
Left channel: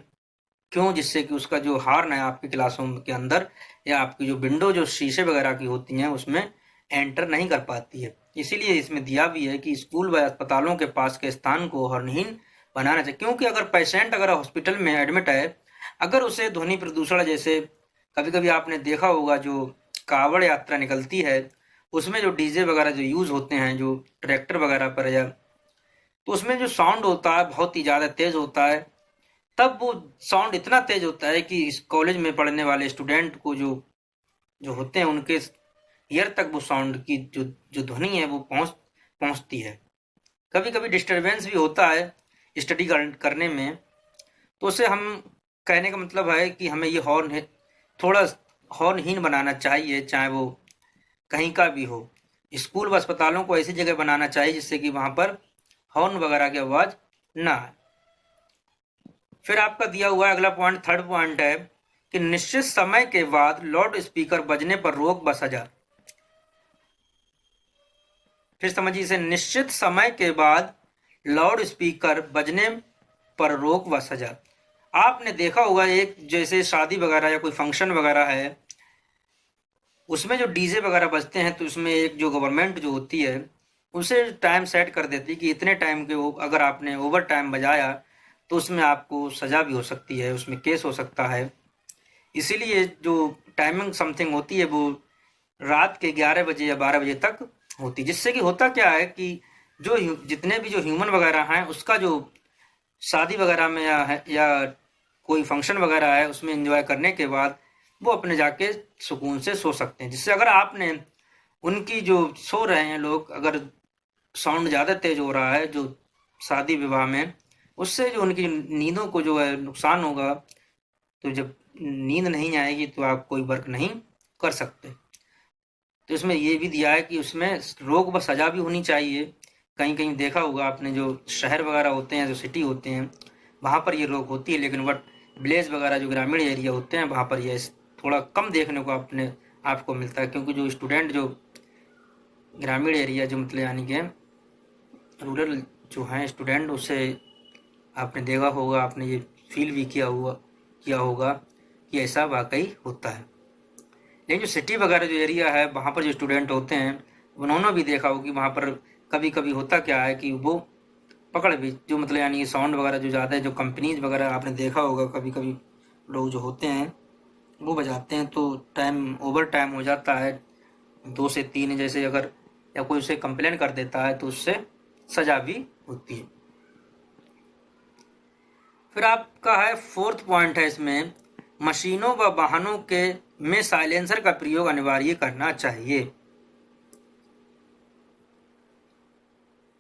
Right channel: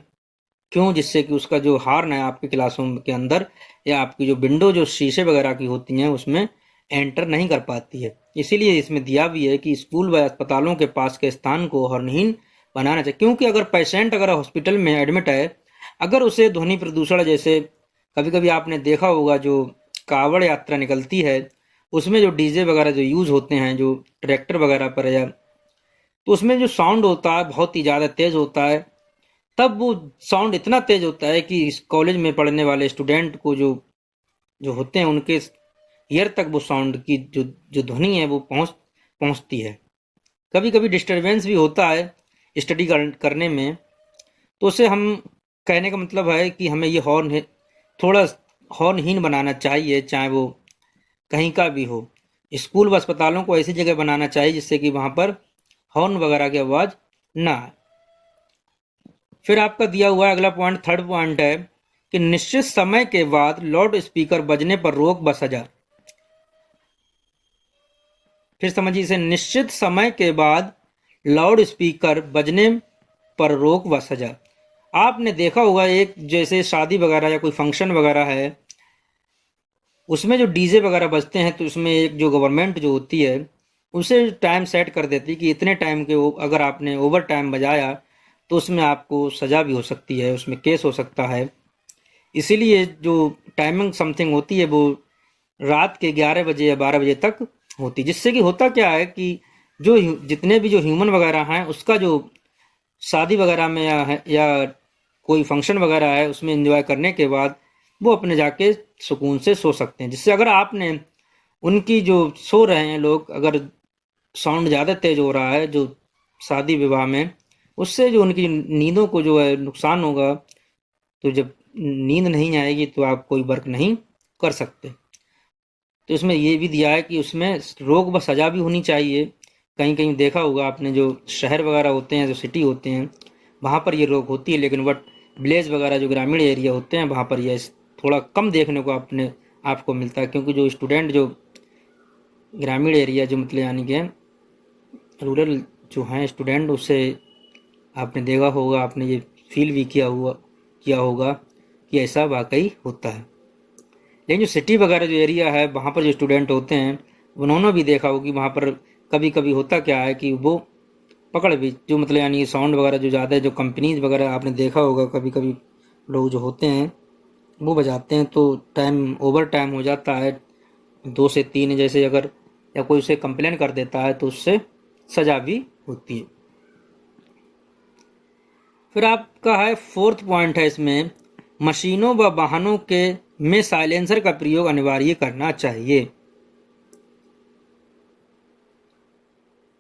क्यों, जिससे कि उसका जो हॉर्न है आपकी क्लासों के अंदर या आपकी जो विंडो जो शीशे वगैरह की होती हैं उसमें एंटर नहीं कर पाती है। इसीलिए इसमें दिया भी है कि स्कूल व अस्पतालों के पास के स्थान को हॉर्नहीन बनाना चाहिए। क्योंकि अगर पेशेंट अगर हॉस्पिटल में एडमिट है, अगर उसे ध्वनि प्रदूषण, जैसे कभी कभी आपने देखा होगा जो कावड़ यात्रा निकलती है उसमें जो डीजे वगैरह जो यूज होते हैं जो ट्रैक्टर वगैरह पर, या तो उसमें जो साउंड होता है बहुत ही ज़्यादा तेज होता है। तब वो साउंड इतना तेज होता है कि इस कॉलेज में पढ़ने वाले स्टूडेंट को जो जो होते हैं उनके ईयर तक वो साउंड की जो जो ध्वनि है वो पहुंचती है। कभी कभी डिस्टरबेंस भी होता है स्टडी करने में। तो उसे हम कहने का मतलब है कि हमें ये हॉर्न थोड़ा हॉर्नहीन बनाना चाहिए, चाहे वो कहीं का भी हो। स्कूल व अस्पतालों को ऐसी जगह बनाना चाहिए जिससे कि वहां पर हॉर्न वगैरह की आवाज ना आए। फिर आपका दिया हुआ है अगला पॉइंट, थर्ड पॉइंट है कि निश्चित समय के बाद लाउड स्पीकर बजने पर रोक व सजा। फिर समझिए इसे, निश्चित समय के बाद लाउड स्पीकर बजने पर रोक व सजा। आपने देखा होगा एक जैसे शादी वगैरह या कोई फंक्शन वगैरह है उसमें जो डीजे वगैरह बजते हैं तो उसमें एक जो गवर्नमेंट जो होती है उसे टाइम सेट कर देती है कि इतने टाइम के अगर आपने ओवर टाइम बजाया तो उसमें आपको सजा भी हो सकती है, उसमें केस हो सकता है। इसीलिए जो टाइमिंग समथिंग होती है वो रात के 11 बजे या 12 बजे तक होती है। जिससे कि होता क्या है कि जो जितने भी जो ह्यूमन वगैरह हैं उसका जो शादी वगैरह में या कोई फंक्शन वगैरह है उसमें एंजॉय करने के बाद वो अपने जाके सुकून से सो सकते हैं। जिससे अगर आपने उनकी जो सो रहे हैं लोग, अगर साउंड ज़्यादा तेज हो रहा है जो शादी विवाह में, उससे जो उनकी नींदों को जो है नुकसान होगा। तो जब नींद नहीं आएगी तो आप कोई वर्क नहीं कर सकते। तो इसमें ये भी दिया है कि उसमें रोक व सजा भी होनी चाहिए। कहीं कहीं देखा होगा आपने जो शहर वगैरह होते हैं, जो सिटी होते हैं, वहाँ पर ये रोक होती है, लेकिन वट विलेज वगैरह जो ग्रामीण एरिया होते हैं वहाँ पर यह थोड़ा कम देखने को आपको मिलता है। क्योंकि जो स्टूडेंट जो ग्रामीण एरिया जो मतलब यानी कि रूरल जो हैं स्टूडेंट, उससे आपने देखा होगा, आपने ये फील भी किया होगा कि ऐसा वाकई होता है। लेकिन जो सिटी वगैरह जो एरिया है वहाँ पर जो स्टूडेंट होते हैं उन्होंने भी देखा होगा कि वहाँ पर कभी कभी होता क्या है कि वो पकड़ भी जो मतलब यानी साउंड वगैरह जो ज़्यादा है, जो कंपनीज वगैरह आपने देखा होगा कभी कभी लोग जो होते हैं वो बजाते हैं तो टाइम ओवर टाइम हो जाता है 2 से 3, जैसे अगर या कोई उसे कंप्लेन कर देता है तो उससे सजा भी होती है। फिर आपका है फोर्थ पॉइंट है इसमें, मशीनों व वाहनों के में साइलेंसर का प्रयोग अनिवार्य करना चाहिए।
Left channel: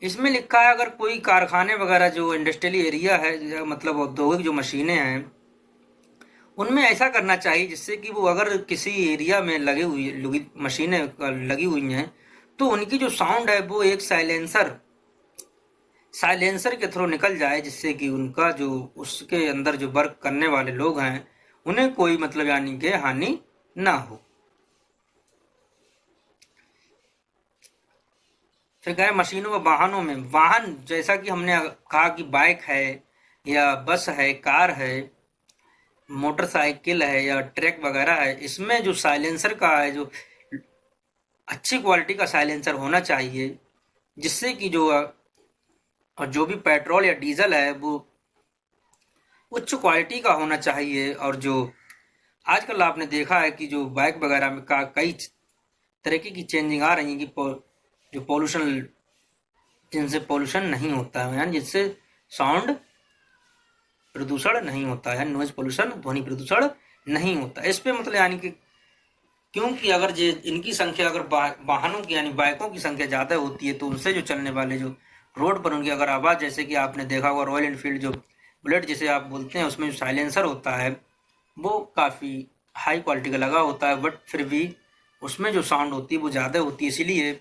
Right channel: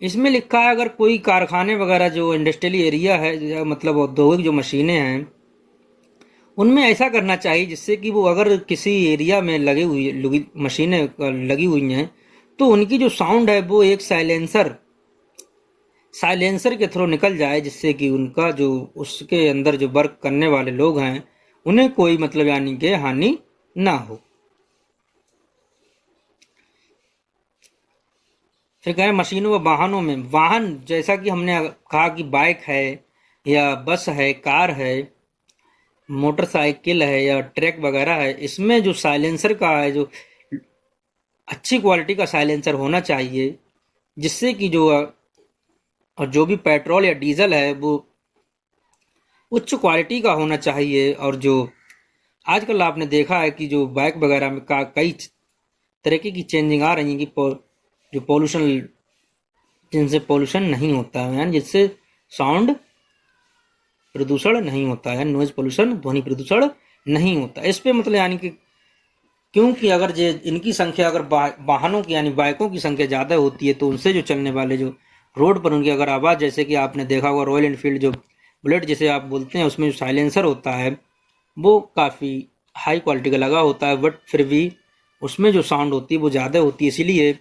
इसमें लिखा है अगर कोई कारखाने वगैरह जो इंडस्ट्रियल एरिया है या मतलब औद्योगिक जो मशीनें हैं उनमें ऐसा करना चाहिए जिससे कि वो अगर किसी एरिया में मशीनें लगी हुई हैं तो उनकी जो साउंड है वो एक साइलेंसर के थ्रू निकल जाए, जिससे कि उनका जो उसके अंदर जो वर्क करने वाले लोग हैं उन्हें कोई मतलब यानी कि हानि ना हो। फिर कह रहे हैं मशीनों व वाहनों में, वाहन जैसा कि हमने कहा कि बाइक है या बस है, कार है, मोटरसाइकिल है या ट्रक वगैरह है, इसमें जो साइलेंसर का है जो अच्छी क्वालिटी का साइलेंसर होना चाहिए। जिससे कि जो और जो भी पेट्रोल या डीजल है वो उच्च क्वालिटी का होना चाहिए। और जो आजकल आपने देखा है कि जो बाइक वगैरह में कई तरीके की चेंजिंग आ रही है कि जो जिनसे पोल्यूशन नहीं होता है, यानी जिससे साउंड प्रदूषण नहीं होता है, नॉइज पोल्यूशन ध्वनि प्रदूषण नहीं होता। इस पे मतलब यानी कि क्योंकि अगर ये इनकी संख्या अगर वाहनों की यानी बाइकों की संख्या ज़्यादा होती है तो उनसे जो चलने वाले जो रोड पर उनकी अगर आवाज़, जैसे कि आपने देखा होगा रॉयल एनफील्ड जो बुलेट जिसे आप बोलते हैं उसमें जो साइलेंसर होता है वो काफ़ी हाई क्वालिटी का लगा होता है, बट फिर भी उसमें जो साउंड होती है वो ज़्यादा होती है। इसीलिए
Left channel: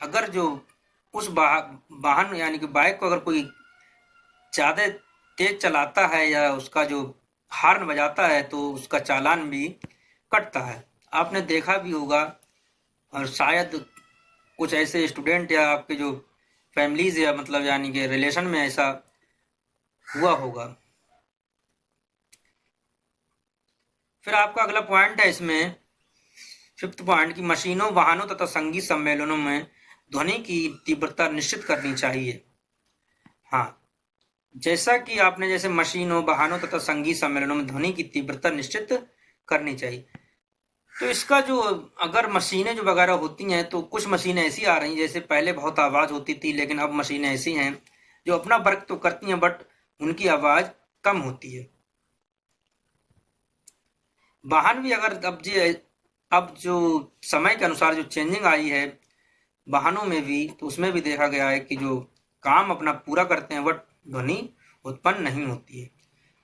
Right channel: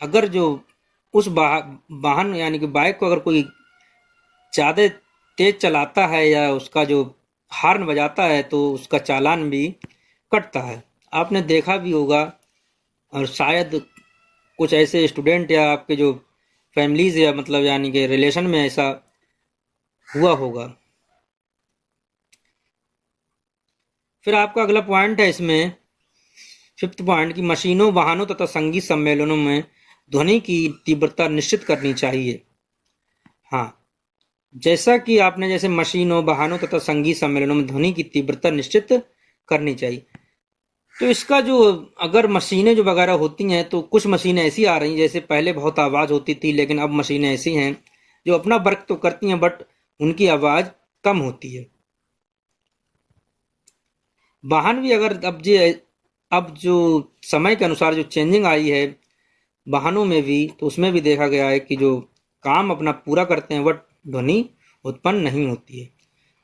अगर जो उस वाहन यानी कि बाइक को अगर कोई ज़्यादा तेज चलाता है या उसका जो हॉर्न बजाता है तो उसका चालान भी कटता है। आपने देखा भी होगा, और शायद कुछ ऐसे स्टूडेंट या आपके जो फैमिलीज या मतलब यानी कि रिलेशन में ऐसा हुआ होगा। फिर आपका अगला पॉइंट है इसमें, फिफ्थ पॉइंट की मशीनों, वाहनों तथा संगीत सम्मेलनों में ध्वनि की तीव्रता निश्चित करनी चाहिए। हाँ, जैसा कि आपने जैसे मशीनों, वाहनों तथा संगीत सम्मेलनों में ध्वनि की तीव्रता निश्चित करनी चाहिए, तो इसका जो अगर मशीनें जो वगैरह होती हैं तो कुछ मशीनें ऐसी आ रही हैं, जैसे पहले बहुत आवाज़ होती थी लेकिन अब मशीनें ऐसी हैं जो अपना वर्क तो करती हैं बट उनकी आवाज़ कम होती है। वाहन भी अगर अब जो समय के अनुसार जो चेंजिंग आई है वाहनों में भी, तो उसमें भी देखा गया है कि जो काम अपना पूरा करते हैं बट ध्वनि उत्पन्न नहीं होती है।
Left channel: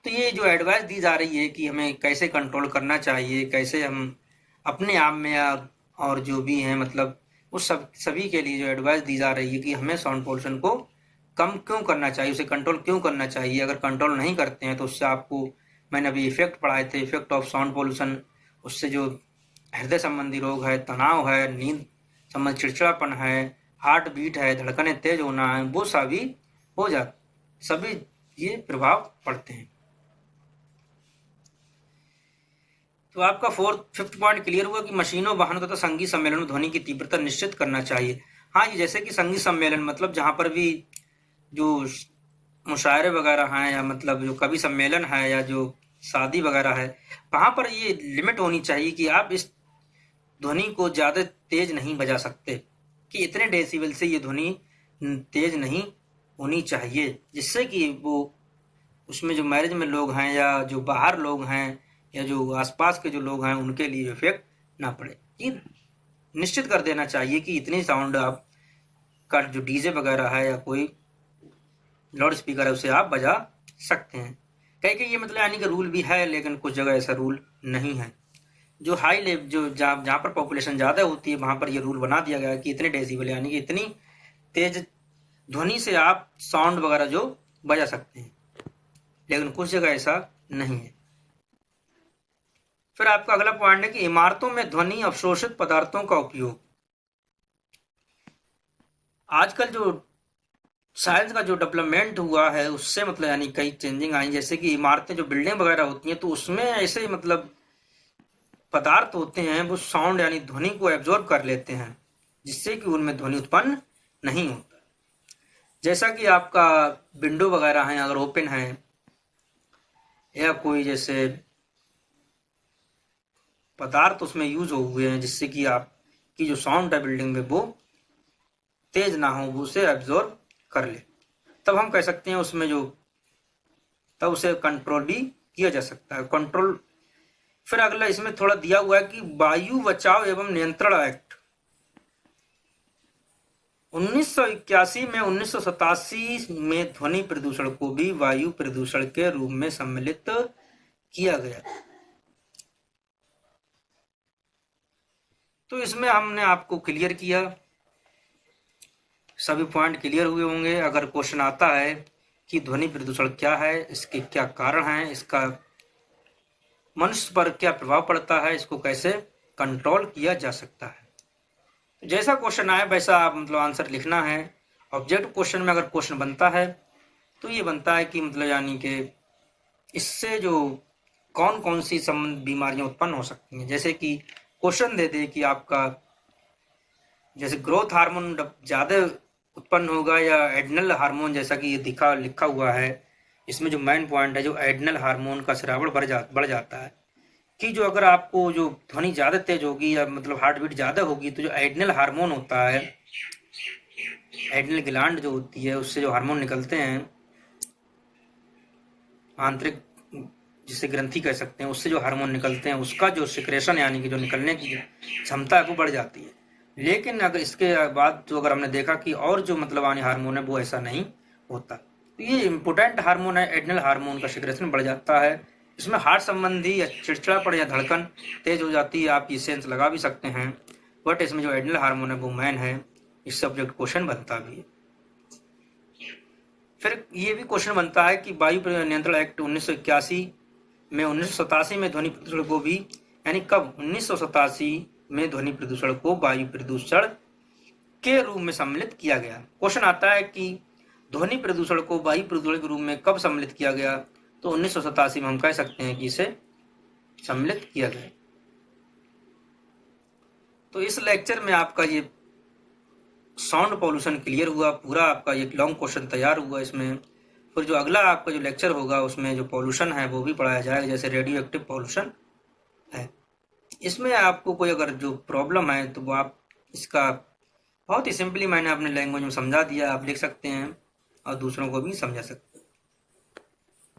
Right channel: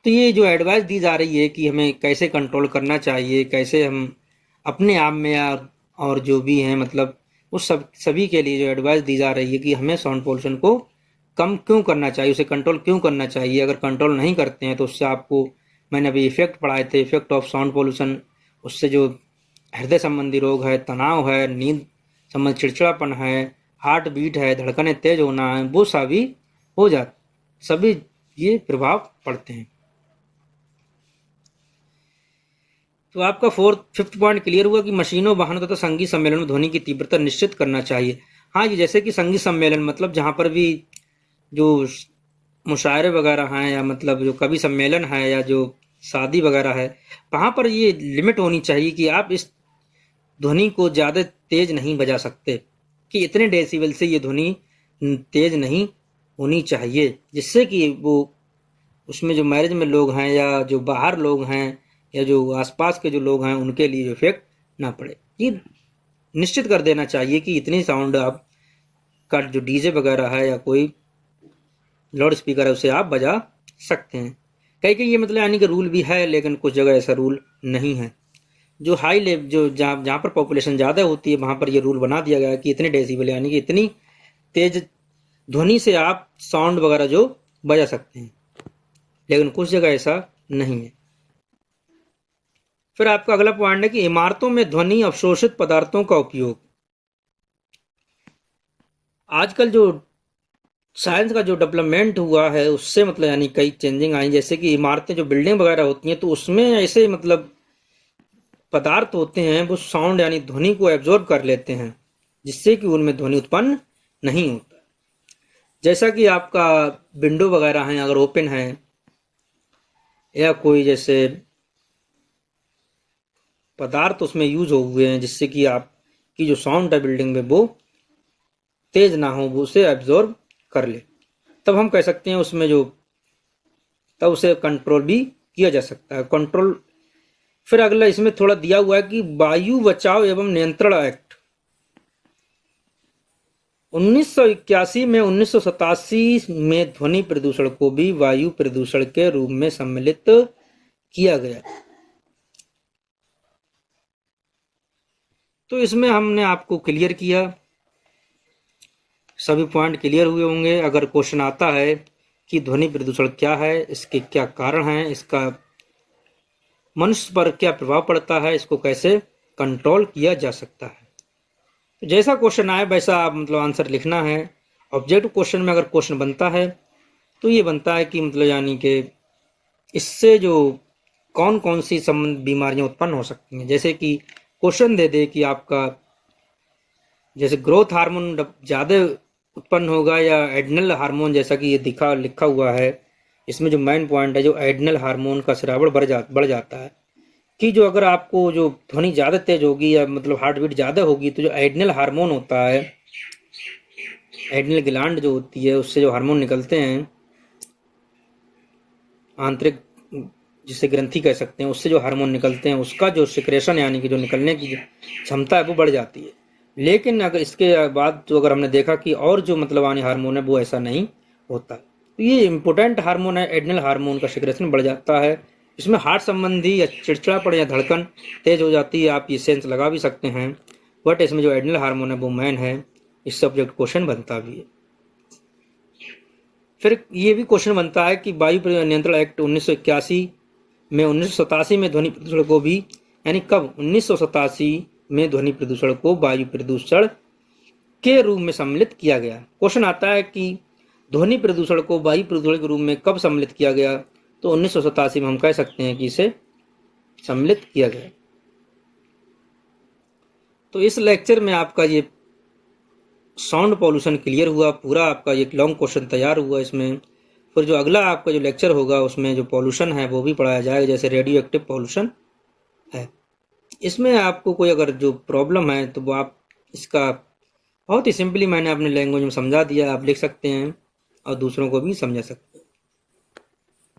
तो ये जो एडवाइस दी जा रही है कि हमें कैसे कंट्रोल करना चाहिए, कैसे हम अपने आप में या और जो भी हैं मतलब उस सभी के लिए जो एडवाइस दी जा रही है कि हमें साउंड पोल्यूशन को कम क्यों करना चाहिए, उसे कंट्रोल क्यों करना चाहिए। अगर कंट्रोल नहीं करते हैं तो उससे आपको, मैंने अभी इफेक्ट पढ़ाए थे, इफेक्ट ऑफ साउंड पोल्यूशन, उससे जो हृदय संबंधी रोग है, तनाव है, नींद संबंधी चिड़चिड़ापन है, हार्ट बीट है, धड़कनें तेज होना है, वो सभी हो जाते, सभी ये प्रभाव पड़ते हैं। तो आपका फिफ्थ पॉइंट क्लियर हुआ कि मशीनों, वाहनों तथा संगीत सम्मेलन में ध्वनि की तीव्रता निश्चित करना चाहिए। हाँ, ये जैसे कि संगीत सम्मेलन मतलब जहाँ पर भी जो मुशायरे वगैरह हैं या मतलब जो कवि सम्मेलन है या जो शादी वगैरह है, वहाँ पर ये लिमिट होनी चाहिए कि आप इस ध्वनि को ज़्यादा तेज नहीं बजा सकते, कि इतने डेसिबल से ये ध्वनि तेज नहीं होनी चाहिए, जिससे कि वो उसमें जो मैरिज में लोग हैं या जो बाहर लोग हैं या जो आसपास के जो लोग हैं उनके लिए इफेक्ट ना पड़े। ये निश्चित कर देना चाहिए कि इतनी साउंड आप का जो डीजे वगैरह है या कोई लाउड स्पीकर है उसे आप बजा सकते हैं। कई कई ये मतलब यानी कि रूल भी है, लेकिन कुछ जगह ऐसा रूल नहीं है। जो हाई लेवल जो जहाँ पर पॉपुलेशन ज़्यादा होती है वहाँ पर ये रूल बना दिया गया है कि इतने डेसिबल यानी कि इतनी तेज ध्वनि से आप साउंड वगैरह जो बजा सकते हैं, लेकिन कुछ जगह ऐसा नहीं है। फिर आपका अगला पॉइंट है कि इमारतों में ध्वनि अवशोषित पदार्थों का उपयोग। आजकल जो साइंस का जो डेवलपमेंट हुआ है उससे मतलब यानी कई चेंजिंग आई, जैसे कि इमारतें जो बिल्डिंग वगैरह होती हैं तो उसमें ऐसे मतलब पदार्थ होते हैं वो साउंड यानी ध्वनि को एब्जॉर्ब कर लेते हैं, जिससे कि उनमें ध्वनि उत्पन्न नहीं होता। जैसा कि आपका विंडो वगैरह हैं अगर ओपन है या कोई जैसे पदार्थ उसमें यूज हो हुए हैं जिससे कि आपकी जो साउंड है बिल्डिंग में वो तेज ना हो, वो उसे एब्जॉर्ब कर ले, तब हम कह सकते हैं उसमें जो, तब उसे कंट्रोल भी किया जा सकता है। कंट्रोल फिर अगला इसमें थोड़ा दिया हुआ है कि वायु बचाव एवं नियंत्रण एक्ट 1981 में 1987 में ध्वनि प्रदूषण को भी वायु प्रदूषण के रूप में सम्मिलित किया गया। तो इसमें हमने आपको क्लियर किया, सभी पॉइंट क्लियर हुए होंगे। अगर क्वेश्चन आता है कि ध्वनि प्रदूषण क्या है, इसके क्या कारण हैं, इसका मनुष्य पर क्या प्रभाव पड़ता है, इसको कैसे कंट्रोल किया जा सकता है, जैसा क्वेश्चन आए वैसा आप मतलब आंसर लिखना है। ऑब्जेक्टिव क्वेश्चन में अगर क्वेश्चन बनता है तो ये बनता है कि मतलब यानी कि इससे जो कौन कौन सी संबंध बीमारियां उत्पन्न हो सकती हैं, जैसे कि क्वेश्चन दे दे कि आपका जैसे ग्रोथ हार्मोन ज़्यादा उत्पन्न होगा या एड्रिनल हार्मोन, जैसा कि ये लिखा हुआ है इसमें जो मेन पॉइंट है, जो एड्रिनल हार्मोन का स्रावण बढ़ जाता है, कि जो अगर आपको जो ध्वनि ज़्यादा तेज होगी या मतलब हार्ट बीट ज़्यादा होगी तो जो एड्रिनल हार्मोन होता है एड्रिनल ग्लैंड जो होती है उससे जो हार्मोन निकलते हैं, आंतरिक जिसे ग्रंथि कह सकते हैं, उससे जो हार्मोन निकलते हैं उसका जो सिक्रेशन यानी कि जो निकलने की क्षमता है वो बढ़ जाती है। लेकिन अगर इसके बाद जो अगर हमने देखा कि और जो मतलब आने हार्मोन है वो ऐसा नहीं होता। तो ये इम्पोर्टेंट हार्मोन है, एड्रिनल हार्मोन का सिक्रेशन बढ़ जाता है। इसमें हार्ट संबंधी या चिड़चिड़ापन या धड़कन तेज हो जाती है, आप ये सेंस लगा भी सकते हैं। बट इसमें जो एड्रिनल हार्मोन है वो मैन है, इस सब्जेक्ट क्वेश्चन बनता भी है। फिर ये भी क्वेश्चन बनता है कि वायु नियंत्रण एक्ट 1981 में 1987 में ध्वनि प्रदूषण को भी, यानी कब 1987 में ध्वनि प्रदूषण को वायु प्रदूषण के रूप में सम्मिलित किया गया। क्वेश्चन आता है कि ध्वनि प्रदूषण को वायु प्रदूषण के रूप में कब सम्मिलित किया गया, तो 1987 में हम कह सकते हैं कि इसे सम्मिलित किया गया। तो इस लेक्चर में आपका ये साउंड पॉल्यूशन क्लियर हुआ, पूरा आपका ये लॉन्ग क्वेश्चन तैयार हुआ इसमें। फिर जो अगला आपका जो लेक्चर होगा उसमें जो पॉल्यूशन है वो भी पढ़ाया जाएगा, जैसे रेडियो एक्टिव पॉल्यूशन है। इसमें आपको कोई अगर जो प्रॉब्लम है तो वो आप इसका बहुत ही सिंपली मैंने अपने लैंग्वेज में समझा दिया, आप लिख सकते हैं और दूसरों को भी समझा सकते हैं।